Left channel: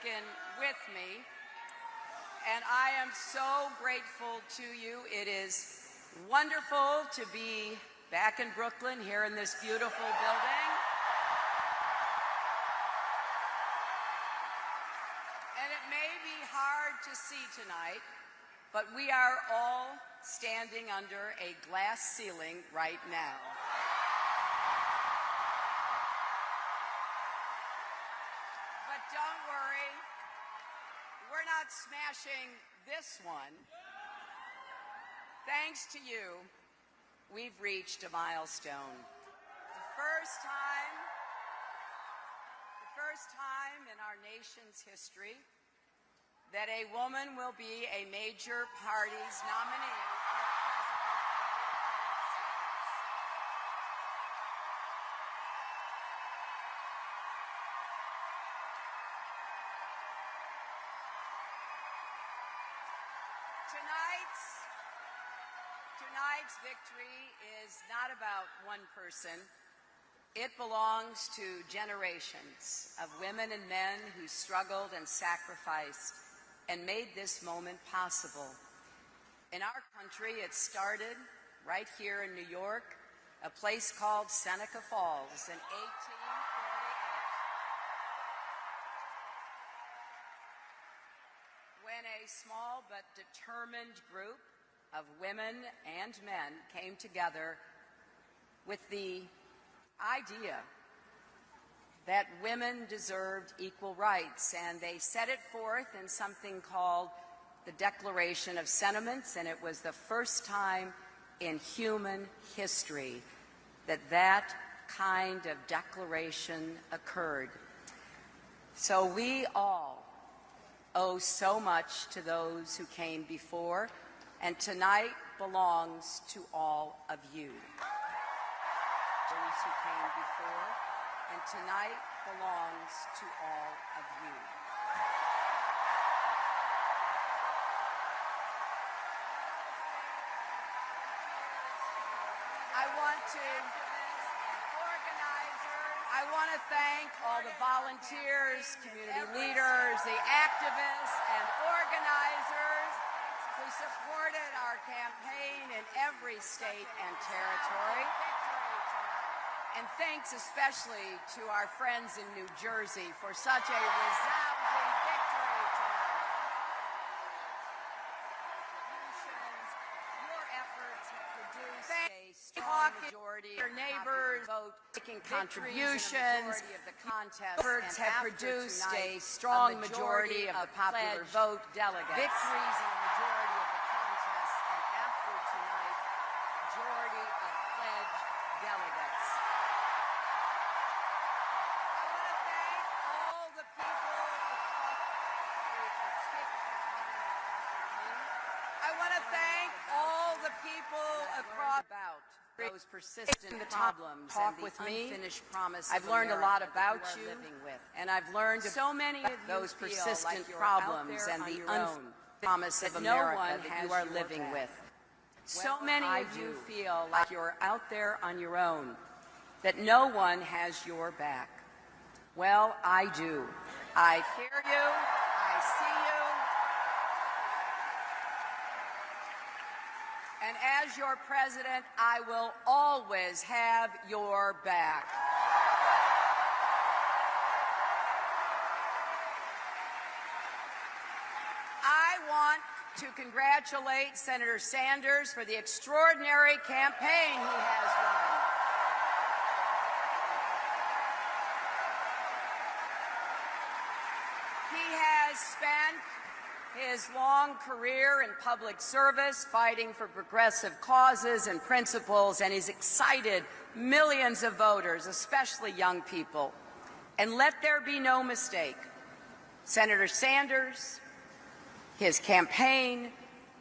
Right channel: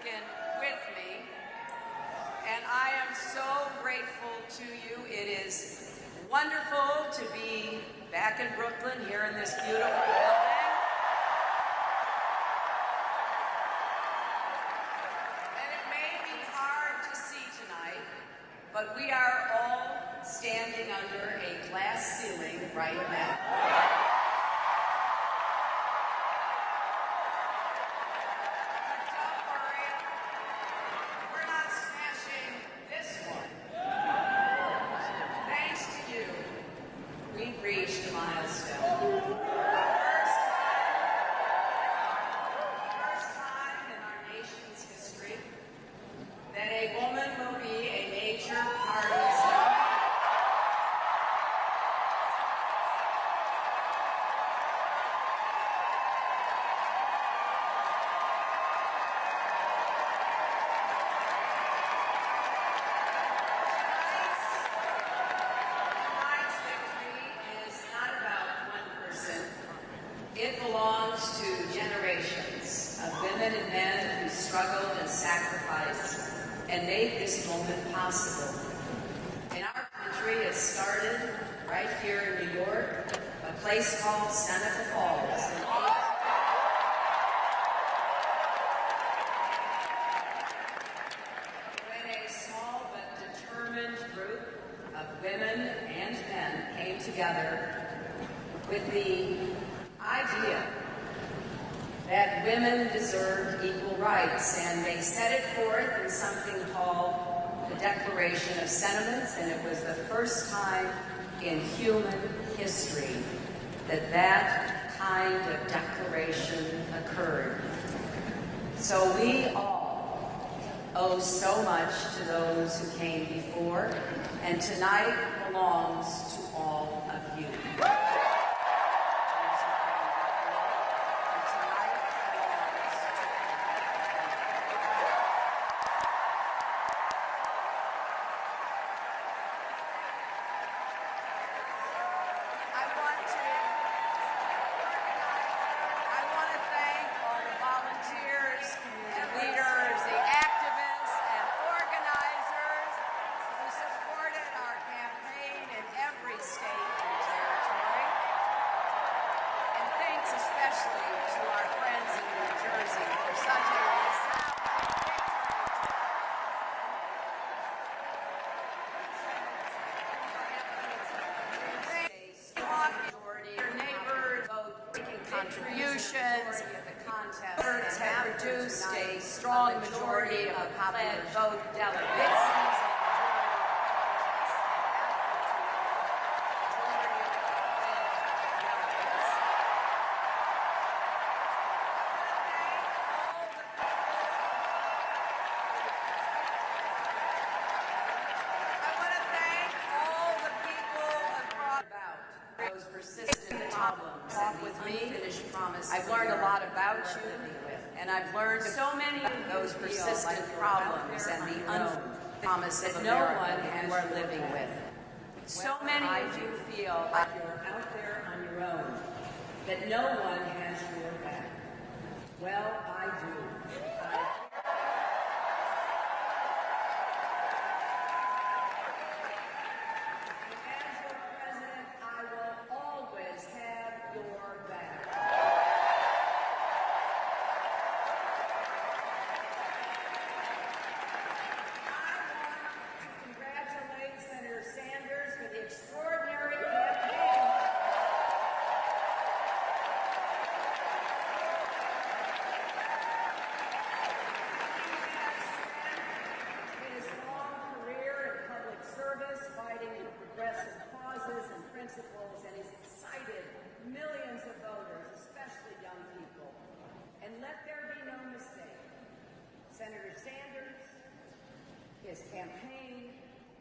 Lincoln with me, and I am so grateful to you. It is wonderful to be back in Brooklyn, here in this beautiful building. And it may be hard to see tonight, but we are all standing under a glass ceiling right now. But don't worry, we're not smashing this one. Thanks to you, we've reached a milestone. First time in our nation's history that a woman will be a major party's nominee. Tonight's victory is not about one person. It belongs to generations of women and men who struggled and sacrificed and made this moment possible. In our country, it started right here in New York, a place called Seneca Falls. When a small but determined group of women and men came together with the idea that women deserved equal rights, and they set it forth in something called the Declaration of Sentiments, and it was the first time in human history that that kind of declaration occurred. So we all owe so much to those who came before, and tonight belongs to all of you. I want to thank all the volunteers, community leaders, the activists and organizers who supported our campaign in every state and territory. And thanks especially to our friends in New Jersey for such a resounding victory tonight. Your neighbors vote making contributions. Efforts have produced a strong majority of the popular vote delegates. Victories in the majority of the contests, and after tonight, majority of pledged delegates. I want to thank all the people across those persistent problems. Talk with me. I've learned a lot about you, and I've learned so many of those persistent problems and the promise that no one you are living with. So many of you feel like you're out there on your own, that no one has your back. Well, I do. I hear you. I see you. And as your president, I will always have your back. I want to congratulate Senator Sanders for the extraordinary campaign he has run. He has spent his long career in public service fighting for progressive causes and principles, and he's excited millions of voters, especially young people. And let there be no mistake, Senator Sanders, his campaign,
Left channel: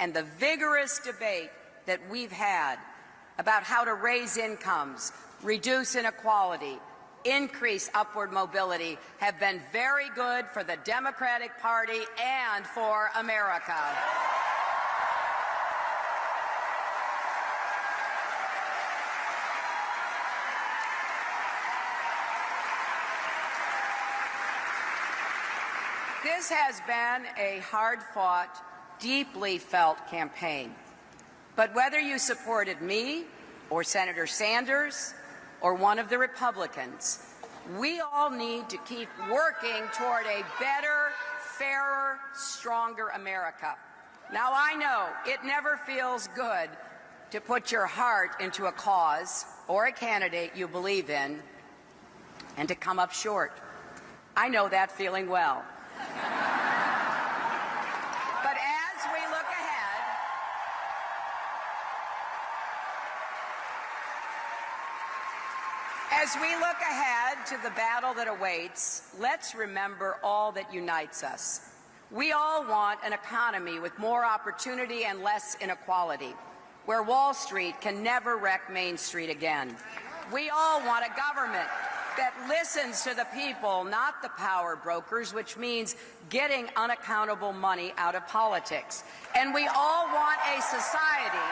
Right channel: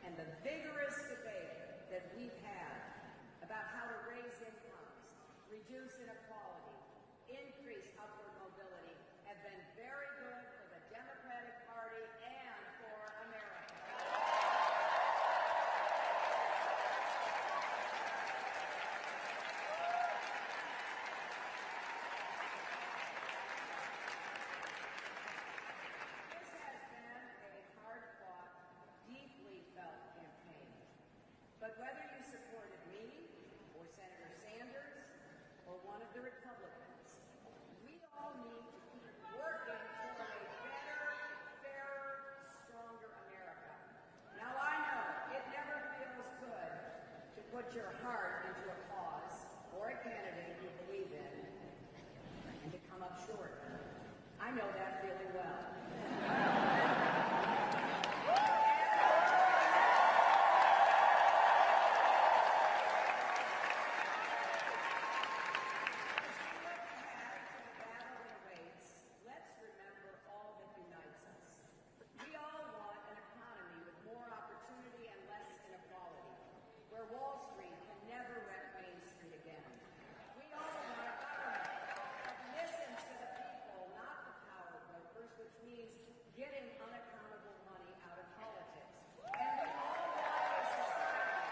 and the vigorous debate that we've had about how to raise incomes, reduce inequality, increase upward mobility have been very good for the Democratic Party and for America. This has been a hard-fought, deeply felt campaign. But whether you supported me or Senator Sanders or one of the Republicans, we all need to keep working toward a better, fairer, stronger America. Now, I know it never feels good to put your heart into a cause or a candidate you believe in and to come up short. I know that feeling well. But as we look ahead to the battle that awaits, let's remember all that unites us. We all want an economy with more opportunity and less inequality, where Wall Street can never wreck Main Street again. We all want a government that listens to the people, not the power brokers, which means getting unaccountable money out of politics. And we all want a society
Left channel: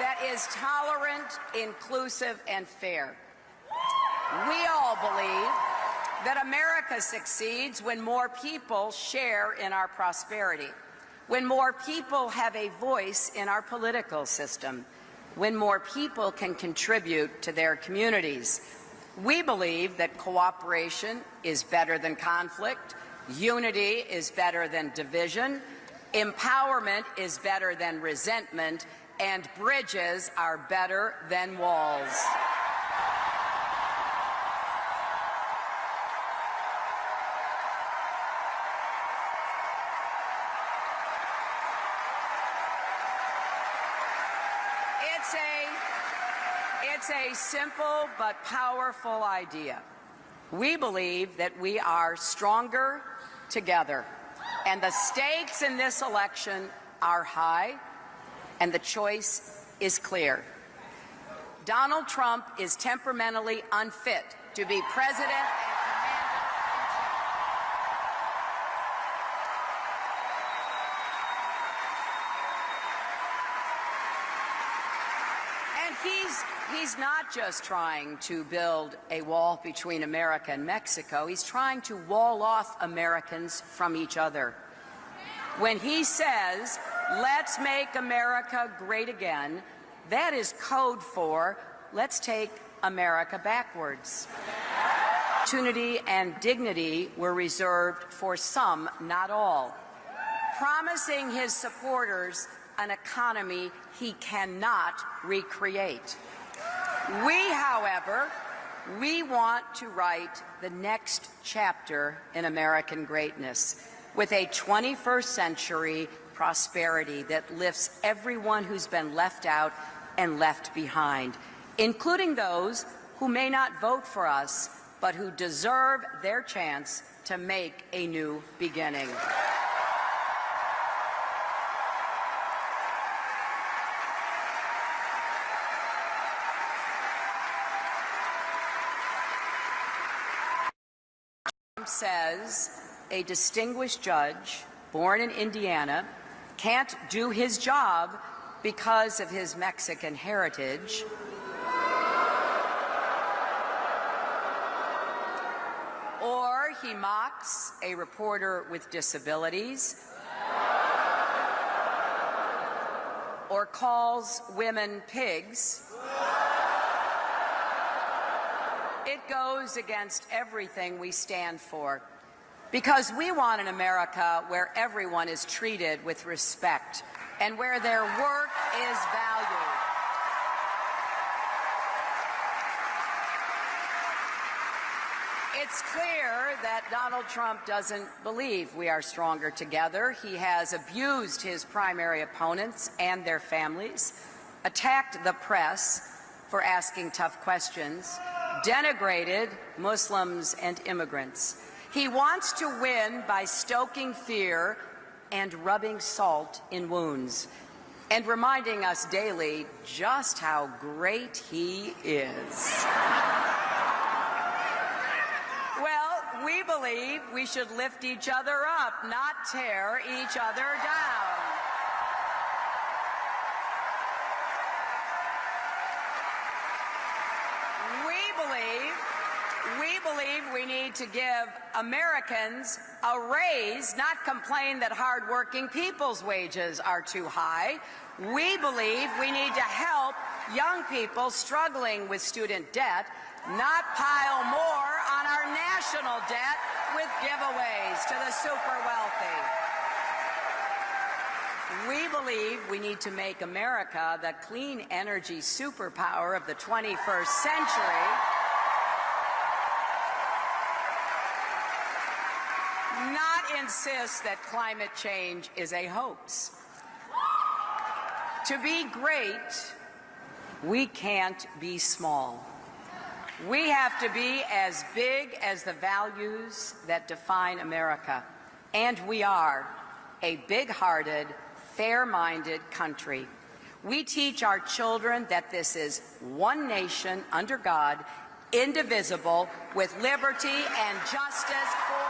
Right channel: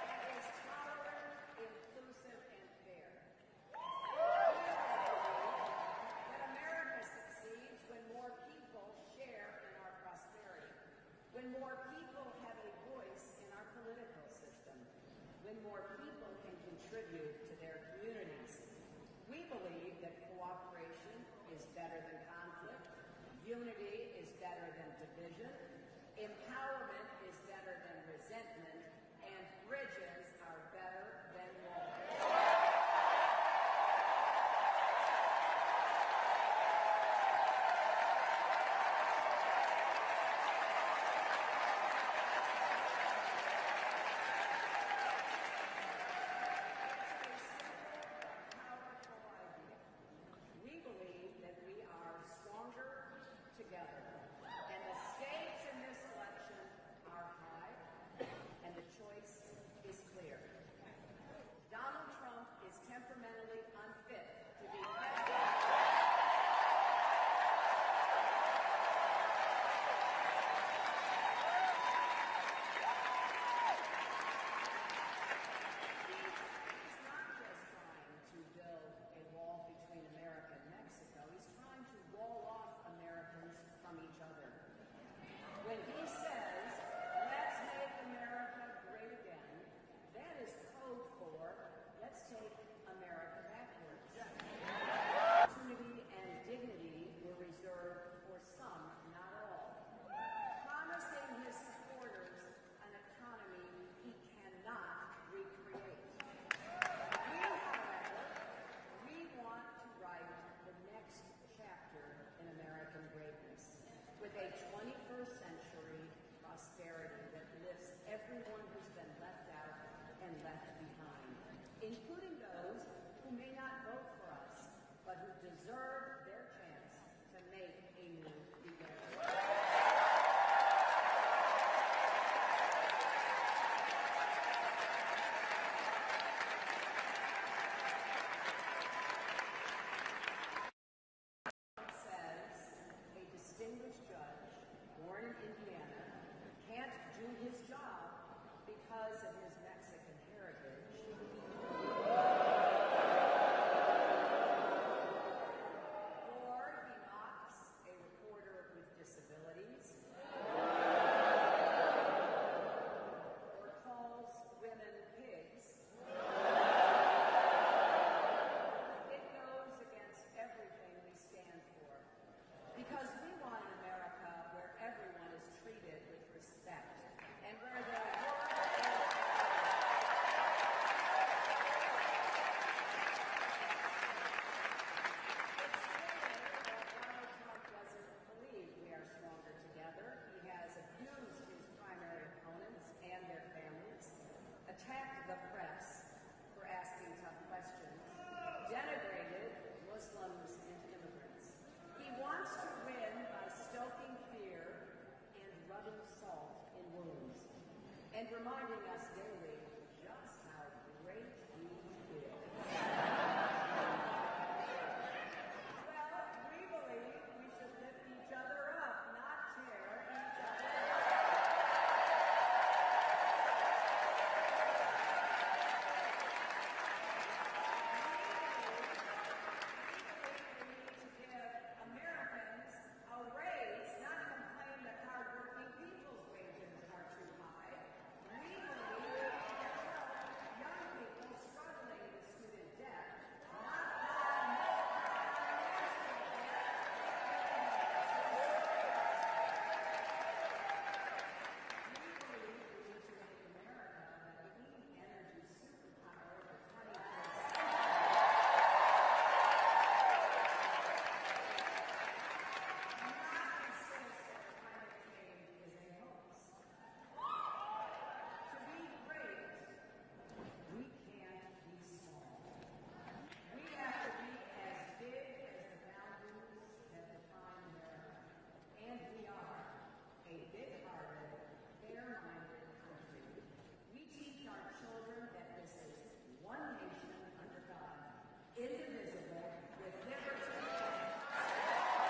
that is tolerant, inclusive, and fair. We all believe that America succeeds when more people share in our prosperity, when more people have a voice in our political system, when more people can contribute to their communities. We believe that cooperation is better than conflict, unity is better than division, empowerment is better than resentment, and bridges are better than walls. It's a simple but powerful idea. We believe that we are stronger together, and the stakes in this election are high, and the choice is clear. Donald Trump is temperamentally unfit to be president and he's not just trying to build a wall between America and Mexico. He's trying to wall off Americans from each other. When he says, "Let's make America great again," that is code for, let's take America backwards. Opportunity and dignity were reserved for some, not all, promising his supporters an economy he cannot recreate. However, we want to write the next chapter in American greatness with a 21st century prosperity that lifts everyone who's been left out and left behind, including those who may not vote for us, but who deserve their chance to make a new beginning. Says a distinguished judge born in Indiana can't do his job because of his Mexican heritage, or he mocks a reporter with disabilities, or calls women pigs. It goes against everything we stand for, because we want an America where everyone is treated with respect and where their work is valued. It's clear that Donald Trump doesn't believe we are stronger together. He has abused his primary opponents and their families, attacked the press for asking tough questions, denigrated Muslims and immigrants. He wants to win by stoking fear and rubbing salt in wounds, and reminding us daily just how great he is. Well, we believe we should lift each other up, not tear each other down. We believe we need to give Americans a raise, not complain that hardworking people's wages are too high. We believe we need to help young people struggling with student debt, not pile more on our national debt with giveaways to the super wealthy. We believe we need to make America the clean energy superpower of the 21st century. Not insist that climate change is a hoax. To be great, we can't be small. We have to be as big as the values that define America. And we are a big-hearted, fair-minded country. We teach our children that this is one nation under God, indivisible, with liberty and justice for all.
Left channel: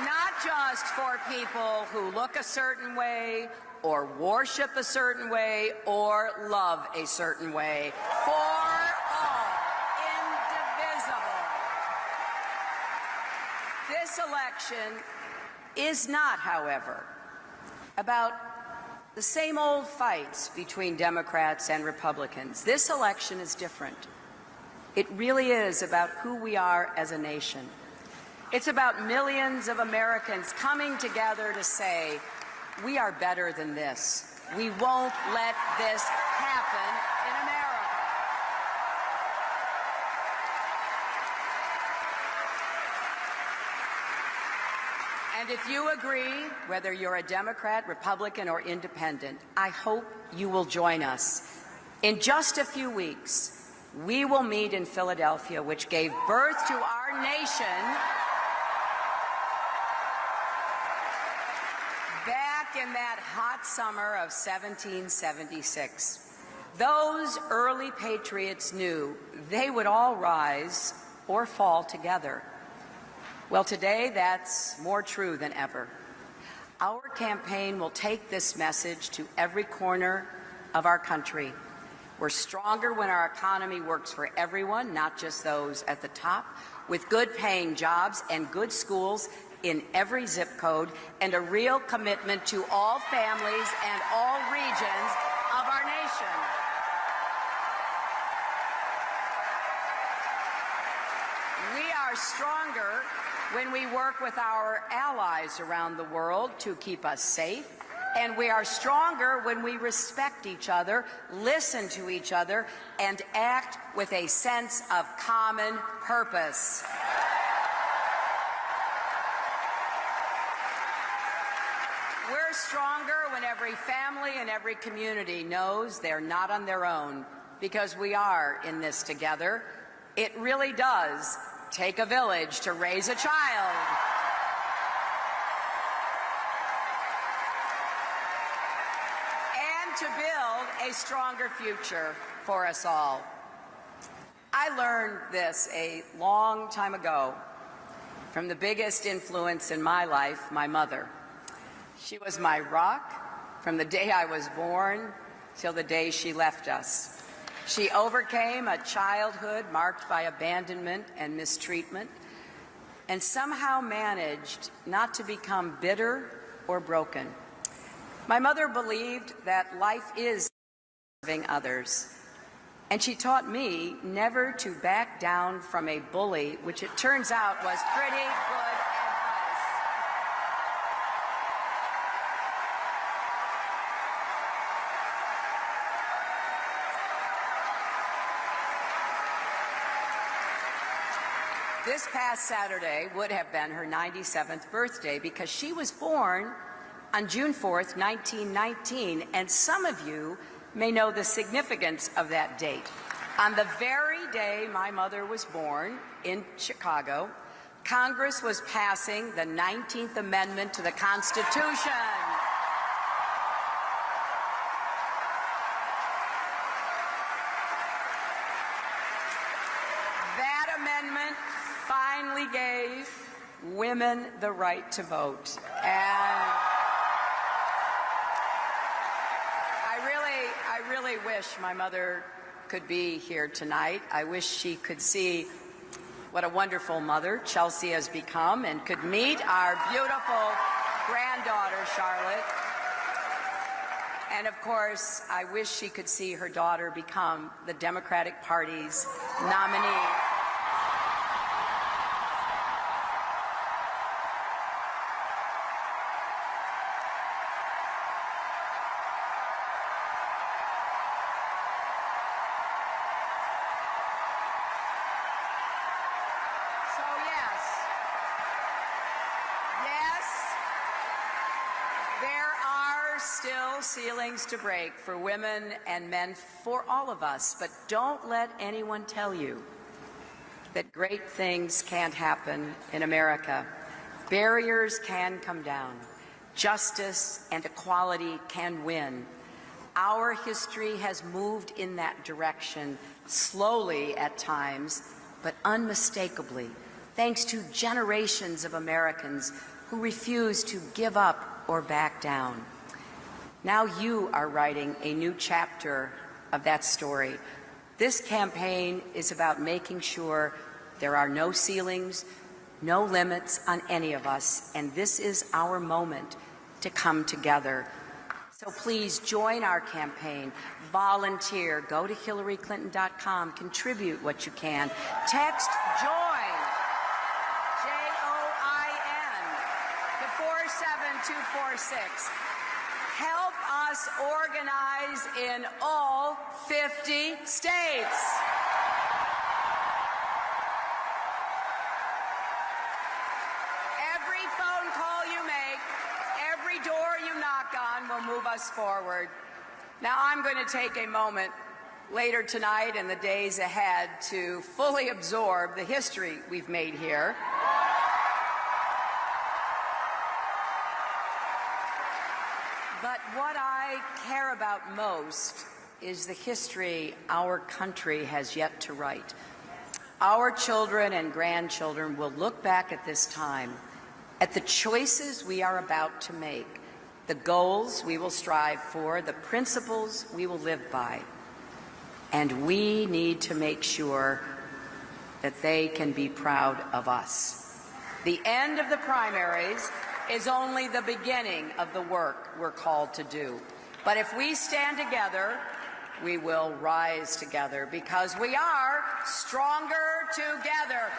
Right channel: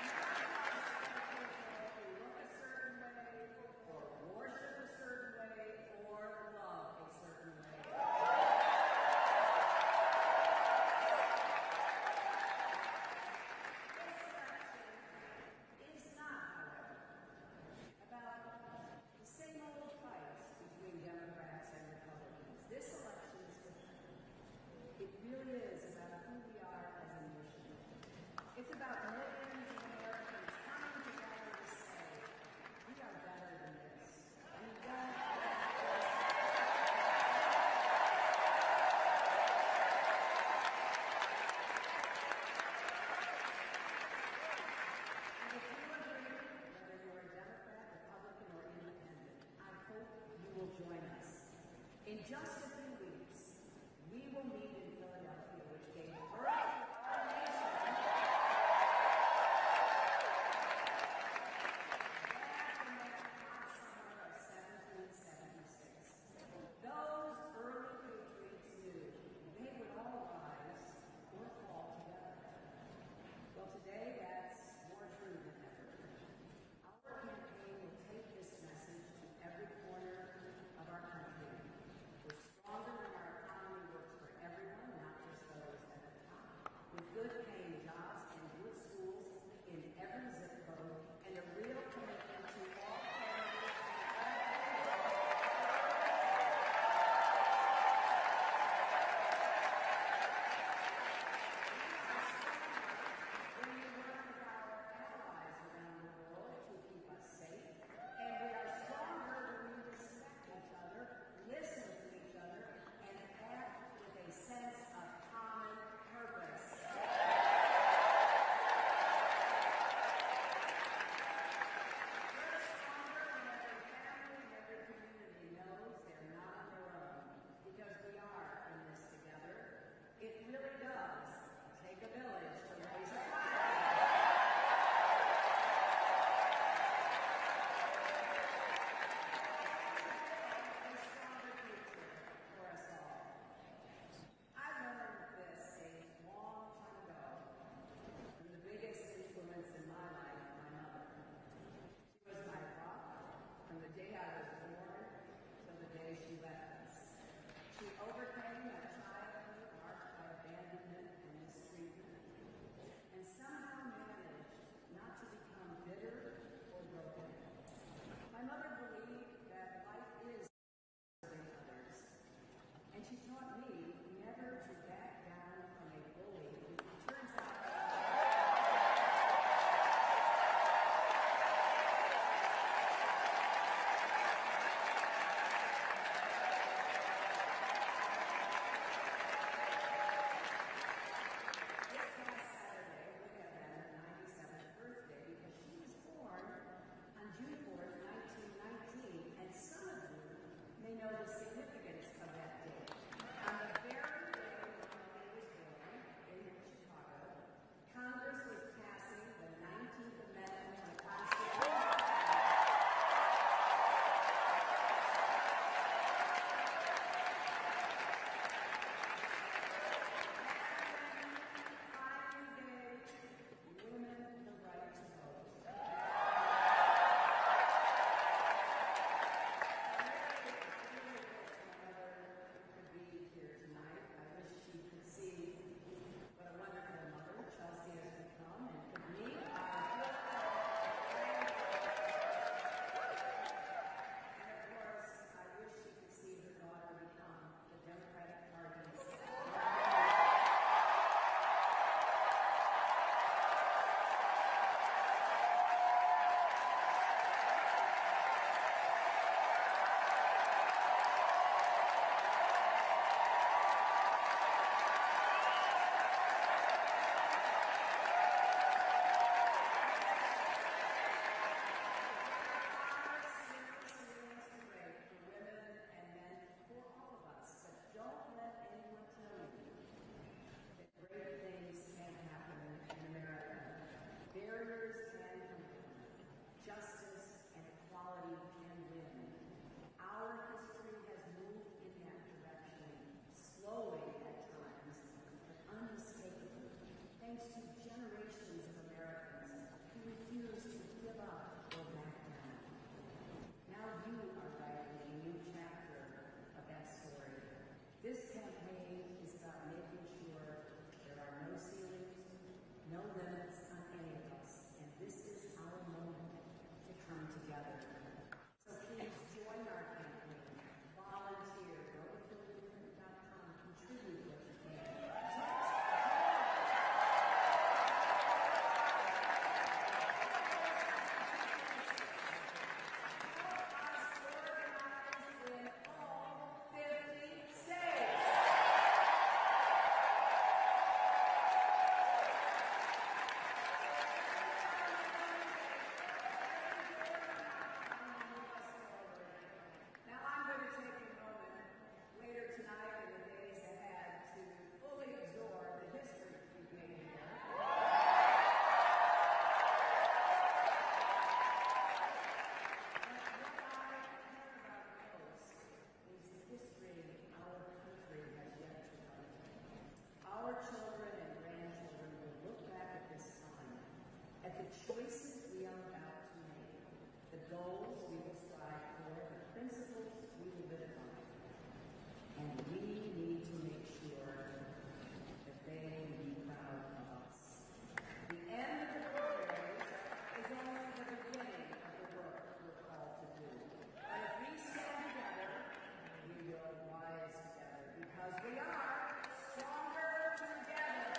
Not just for people who look a certain way, or worship a certain way, or love a certain way. For all, indivisible. This election is not, however, about the same old fights between Democrats and Republicans. This election is different. It really is about who we are as a nation. It's about millions of Americans coming together to say, we are better than this. We won't let this happen in America. And if you agree, whether you're a Democrat, Republican, or Independent, I hope you will join us. In just a few weeks, we will meet in Philadelphia, which gave birth to our nation back in that hot summer of 1776. Those early patriots knew they would all rise or fall together. Well, today that's more true than ever. Our campaign will take this message to every corner of our country. We're stronger when our economy works for everyone, not just those at the top, with good-paying jobs and good schools in every zip code, and a real commitment to all families and all regions of our nation. We are stronger when we work with our allies around the world to keep us safe, and we are stronger when we respect each other, listen to each other, and act with a sense of common purpose. We're stronger when every family and every community knows they're not on their own, because we are in this together. It really does take a village to raise a child. And to build a stronger future for us all. I learned this a long time ago from the biggest influence in my life, my mother. She was my rock from the day I was born till the day she left us. She overcame a childhood marked by abandonment and mistreatment, and somehow managed not to become bitter or broken. My mother believed that life is serving others, and she taught me never to back down from a bully, which it turns out was pretty good. This past Saturday would have been her 97th birthday because she was born on June 4th, 1919, and some of you may know the significance of that date. On the very day my mother was born in Chicago, Congress was passing the 19th Amendment to the Constitution. That amendment finally gave women the right to vote. And really wish my mother could be here tonight. I wish she could see what a wonderful mother Chelsea has become and could meet our beautiful granddaughter, Charlotte. And of course, I wish she could see her daughter become the Democratic Party's nominee. Ceilings to break for women and men, for all of us, but don't let anyone tell you that great things can't happen in America. Barriers can come down. Justice and equality can win. Our history has moved in that direction, slowly at times, but unmistakably, thanks to generations of Americans who refuse to give up or back down. Now you are writing a new chapter of that story. This campaign is about making sure there are no ceilings, no limits on any of us, and this is our moment to come together. So please join our campaign, volunteer, go to HillaryClinton.com, contribute what you can. Text JOIN, J-O-I-N, to 47246. Help us organize in all 50 states. Every phone call you make, every door you knock on will move us forward. Now, I'm going to take a moment later tonight and the days ahead to fully absorb the history we've made here. But what I care about most is the history our country has yet to write. Our children and grandchildren will look back at this time, at the choices we are about to make, the goals we will strive for, the principles we will live by. And we need to make sure that they can be proud of us. The end of the primaries is only the beginning of the work we're called to do. But if we stand together, we will rise together, because we are stronger together.